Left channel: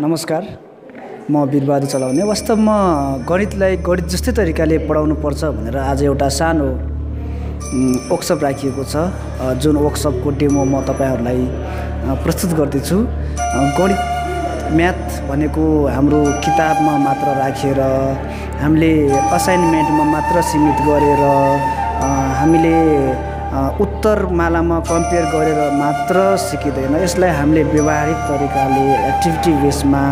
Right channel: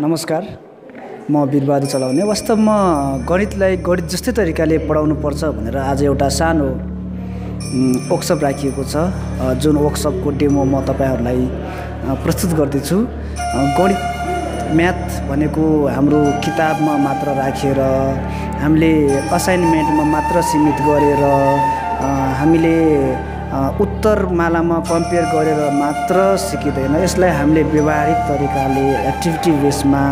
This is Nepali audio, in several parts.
नमस्कार, म वीरबहादुर चलाउने। वास्तवमा गणितलाई गणित जस्तै तरिकाले पढाउनु पर्छ भनेर आज एउटा सानो वर्कसप राखिएको छ, जुन वर्कसपको डेमो म तपाईहरुलाई प्रस्तुत गर्दैछु। गणित म्याथ भनेको हाम्रो किताबमा मात्र राखेर, हामीले असाइनमेन्टमा मात्र सीमित गरेर, हामीले उत्तरमालामा कम्पेयर गरेर मात्र सिकिँदैन। यसलाई हामीले व्यवहारिक तरिकाले एक्टिभिटी बेसमा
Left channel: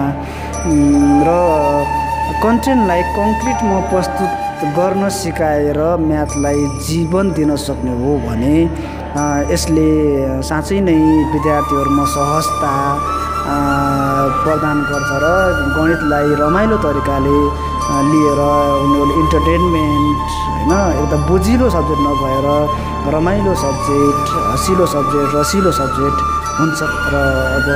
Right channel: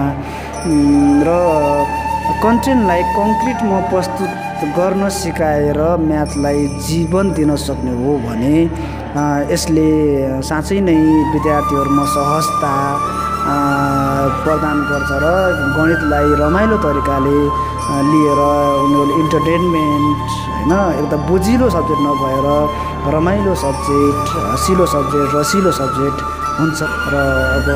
र कन्टेन्टलाई कङ्क्रिटमा प्रस्तुत गर्न सिकाएर म्याथलाई जीवन दिन सक्ने हो भने यसले साँच्चै नै विद्यार्थीहरुमा सहजता प्रदान गर्छ र गणितलाई रमाइलो तरिकाले लिएर उनीहरूले इन्टरटेनमेन्ट हैन, एकदम बुझिलो सब्जेक्ट नभएर रमाइलो सब्जेक्ट, हँसिलो सब्जेक्ट, रसिलो सब्जेक्ट हुन्छ। र अब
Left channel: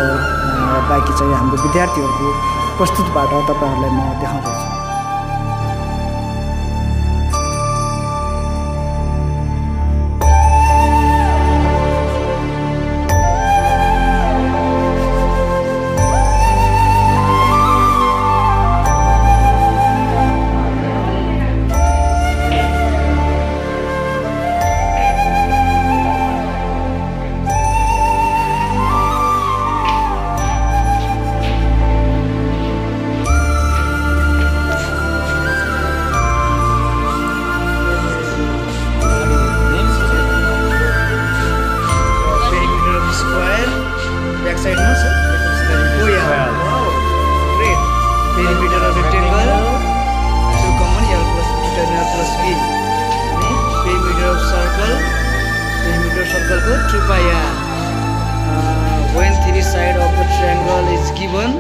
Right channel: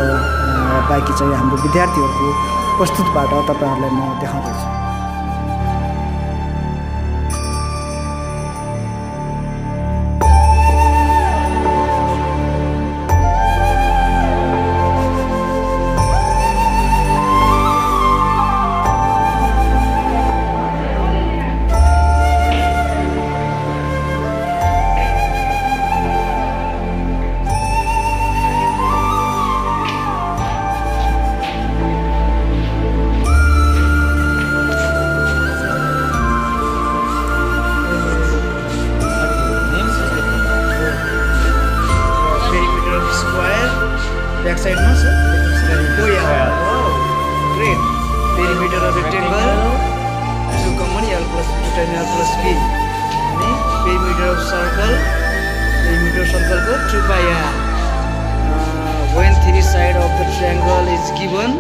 बाँकी चाहिँ हाम्रो विद्यार्थीहरूको प्रस्तुतबाट तपाईहरुलाई म देखाउँदैछु। Square, back side no sir? Oh yeah, wow, great. Perimeter of rectangle, 2 common L plus B, tan L plus B. Perimeter of circle को 2 pi r. When 3 side of the triangle is given,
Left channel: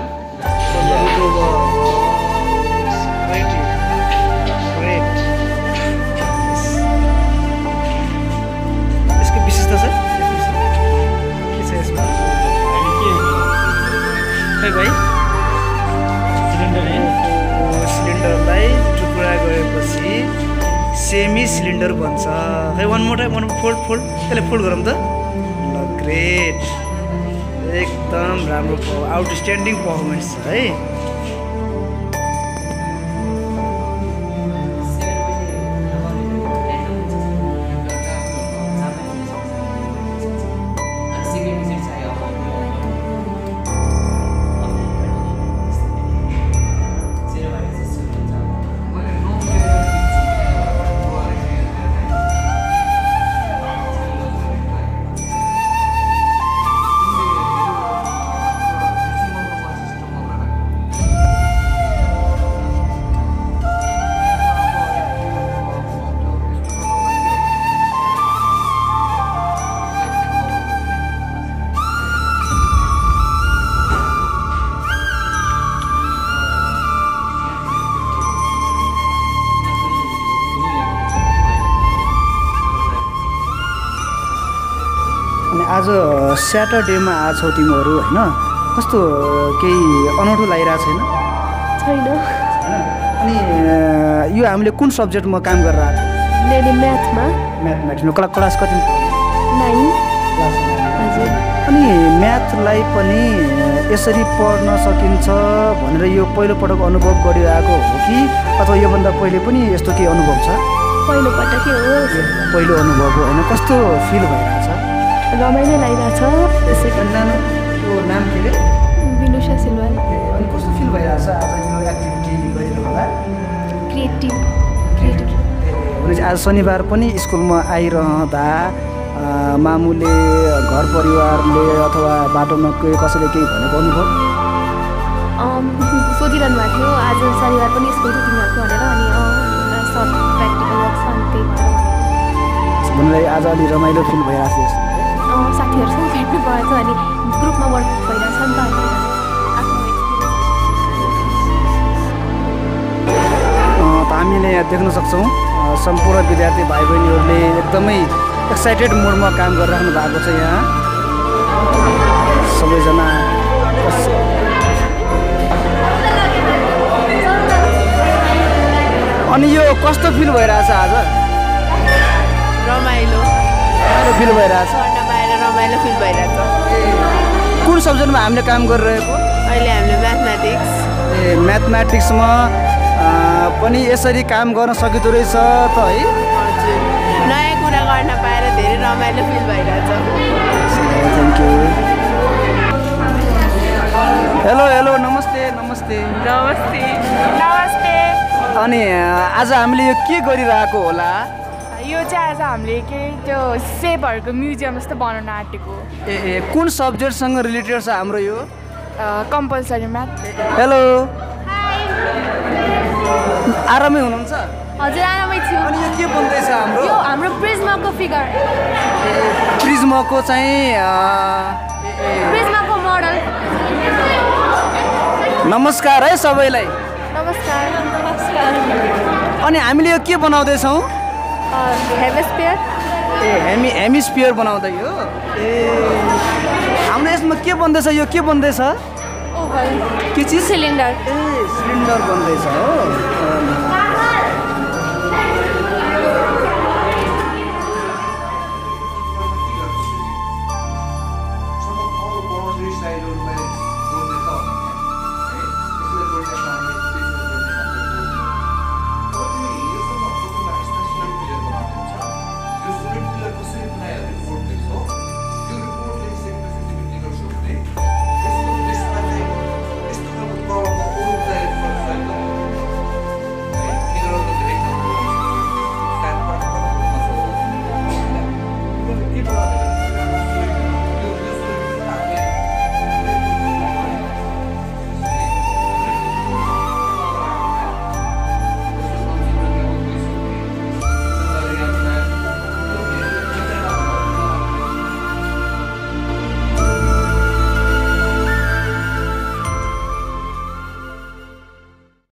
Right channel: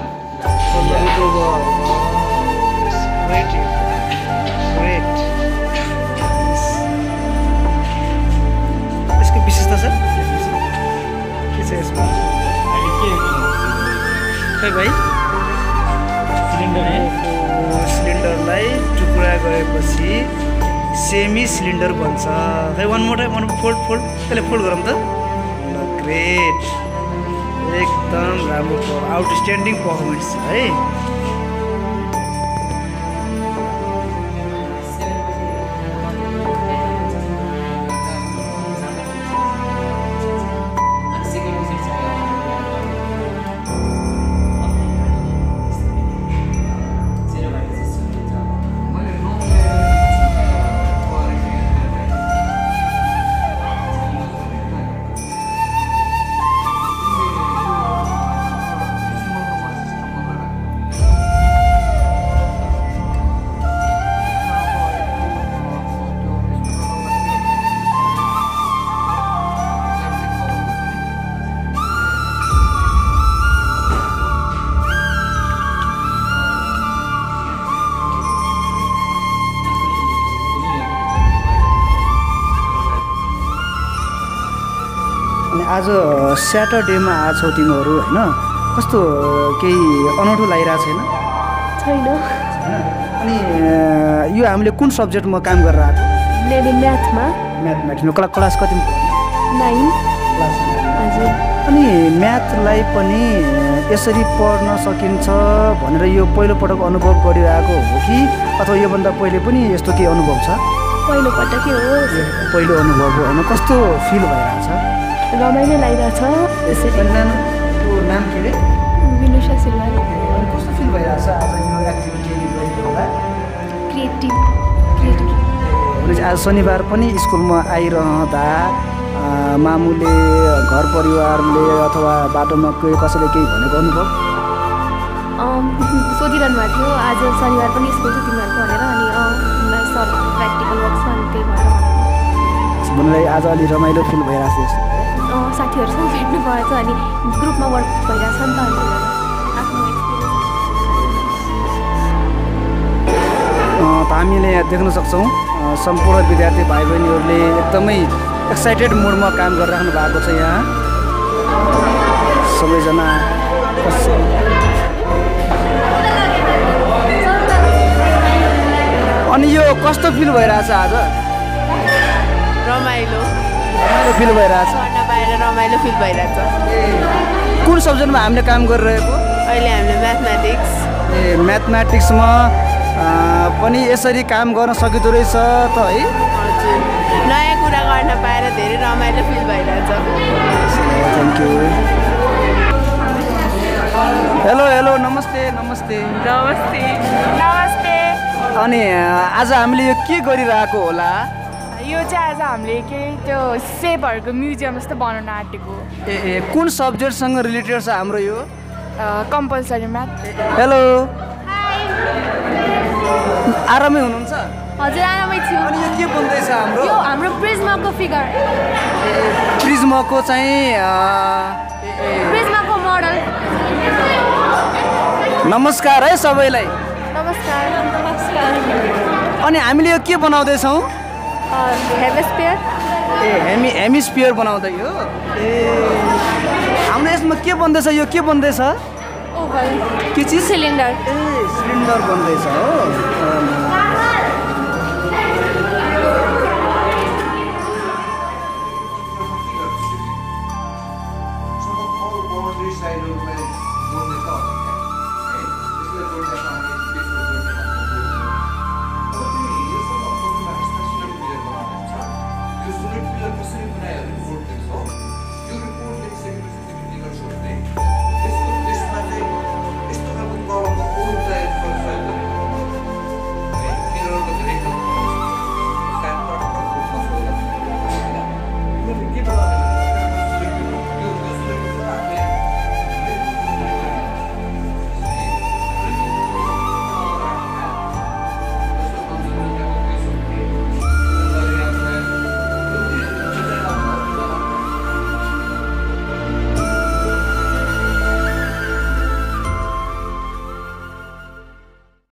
from the root over. Great. इसको विशेषता सर यसमा खै भाइ सिलिन्डरलाई टुक्रा गरेपछि सेमी सिलिन्डर बन्छ। खै वान मोर टाइम, फोल्ड त्यसले फोल्ड गरौँ त। ल ग्रेट, एकदम राम्रो आउटस्ट्यान्डिङ पर्फर्मेन्स छ है। अनि आज स्याटरडेमा आछौ तिमीहरू हैन, कस्तो केही अनौठो लागिरहेको छैन? अनि यो हामीले कुन सब्जेक्टमा काम गरेर आएको? मैले म्याथमा। म्याथमेटिक्समा क्लास कतिमा पढ्ने? 9 क्लास 9 हजुर। अनि म्याथलाई पनि यसरी पढ्न सकिन्छ भनेर यो पहिलो पटक अनुभव गरिरहेको हो कि अथवा योभन्दा पहिले पनि यस्तो केही अनुभव छ? पहिलो पटकै हो। पहिलो अनुभव हो हैन, कस्तो फिल भइरहेछ? रमाइलो लागिरहेछ। नानीको नाम के रे? विनुषा सिलवाल। अनि कस्तो फिल भइरहेछ आज यो एक्टिभिटी गरेको होला? क्रिएटिभ। भनेपछि आज शनिबार पनि स्कुलमा आइरहँदा मामुले, घर परिवारले अथवा बाटोमा कसैले केही भनेको अनुभव? सोधिरहनु भएको थियो आज शनिबार पनि स्कुल छ तिमीहरूको भनेर, अनि सर प्र्याक्टिकल वर्क छ अनि त्यही भएर भनेको। मलाई आज अलि रमाइलो फिल भइरहेछ जस्तो। साथीहरूसँग भेट्नु भएछ अनि ग्रुपमा वर्क भइरहेछ नि त, अनि आफ्नो एक्सपिरियन्स। हामीले यहाँ देख्न सक्छौँ सम्पूर्ण विद्यार्थी भाइ बहिनीहरूले एकदमै एक्साइटेड मोडमा काम गरिराख्नु भएको छ। यहाँ सबैजना अनि यो कस्तो फिल भइरहेछ आज? रमाइलो फिल भइरहेछ। रमाइलो फिल भइरहेछ। कुन सब्जेक्टमा हामीले काम गरिरहेको? अहिले हामीले म्याथमेटिक्स ए म्याथमेटिक्समा पनि यसरी काम गर्न सकिँदो रहेछ त है? हजुर नयाँ कुरा गर्न पाएर धेरै रमाइलो फिल भइरहेछ। Thank you. हेलो हेलो नमस्ते नमस्ते नमस्ते नमस्ते। अनि आज हामीले यो के गरिरहेको होला? यो चाहिँ आज हामीले के त्यो सेपहरूको म्युजियम जस्तो बनाउन आँटेको। ए कुन सब्जेक्टसँग रिलेटेड छ हाम्रो यो? Compulsory math. हेलो आरामै हुनुहुन्छ? हजुर आरामै छु। अनि यो के बन्दैछ हाम्रो? यो हाम्रो प्रिज्माको फिगर, प्रिज्माको चाहिँ प्रिज्माको मोडल। नमस्कार है सबैलाई। नमस्कार। नमस्कार। अनि हामीले यो के बनाउँदैछौँ? हेमिस्फियर। ए हेमिस्फियर बनाउँदै हो? ए हाम्रो यसमा के बन्दैछ? यो के बन्दैछ? ओभल। के चिज? सिलिन्डर। ए सिलिन्डर बन्दैछ हो? कसरी बनाएर रिपोर्ट लेख्छौ यो रिपोर्ट लेखिसकेपछि तिमी के गर्छौ भने यसको त्यसमा चाहिँ यस्तो खालको प्रब्लमको अरू प्रयोग